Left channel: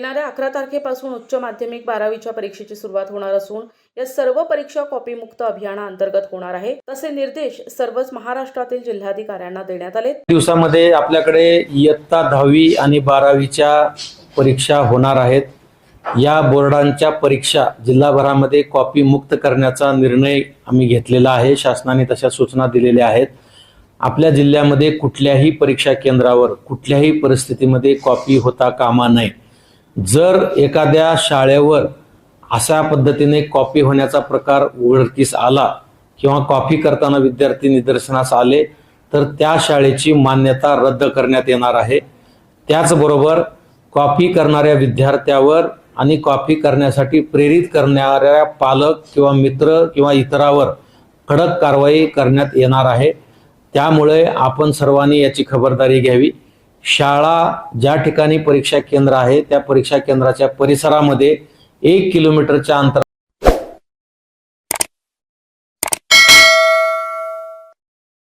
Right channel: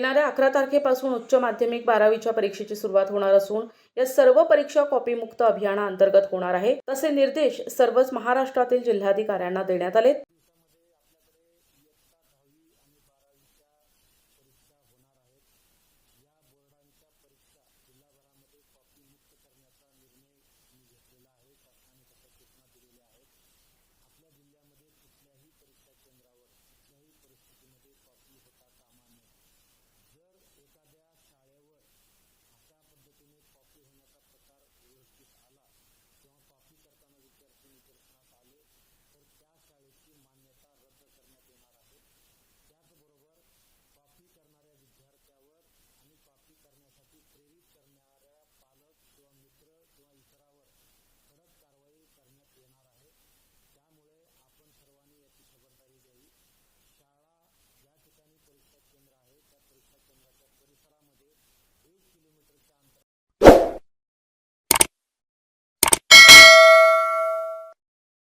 येणाऱ्या 11 तारखेपासून उच्च माध्यमिक 12वीच्या परीक्षेची सुरुवात होणार असून या सर्व परीक्षा कॉपीमुक्त अभियानाअंतर्गत होणार आहे. तसे निर्देश सर्वच महाराष्ट्रातील जिल्हाधिकाऱ्यांना देण्यात आले. दिवसामध्ये आपल्याकडे इयत्ता 10वी आणि 12वीच्या परीक्षा होणार आहेत. या बोर्डांच्या परीक्षा जिल्हाभरामध्ये कॉपी मुक्त करण्याचा निर्णय आम्ही घेतलेला आहे. शासनाने तशा सूचना दिलेल्या आहेत. आपल्या जिल्ह्यामध्ये कुठल्याही परीक्षा केंद्रावर कुठल्याही परिस्थितीमध्ये कॉपी होता कामा नये. जर एखाद्या शाळेवर अशा पद्धतीने कॉपी होण्याचा प्रकार उघडकीस आला किंवा कॉपी करताना विद्यार्थी निदर्शनास आले तर त्या शाळेची मान्यता रद्द करण्यात येणार आहे. त्याचबरोबर कॉपी करणाऱ्या विद्यार्थ्यावर आणि कॉपी करण्यासाठी प्रेरित करणाऱ्या पालक किंवा मित्र किंवा इतरावर कडक कारवाई करण्यात येणार आहे. त्यामुळे आपण सर्वांनी याची खबरदारी घ्यावी. शाळा ज्या ठिकाणी परीक्षा केंद्र आहे त्या परीक्षा केंद्राच्या परिसरामध्ये 1 किलोमीटरच्या अंतरावर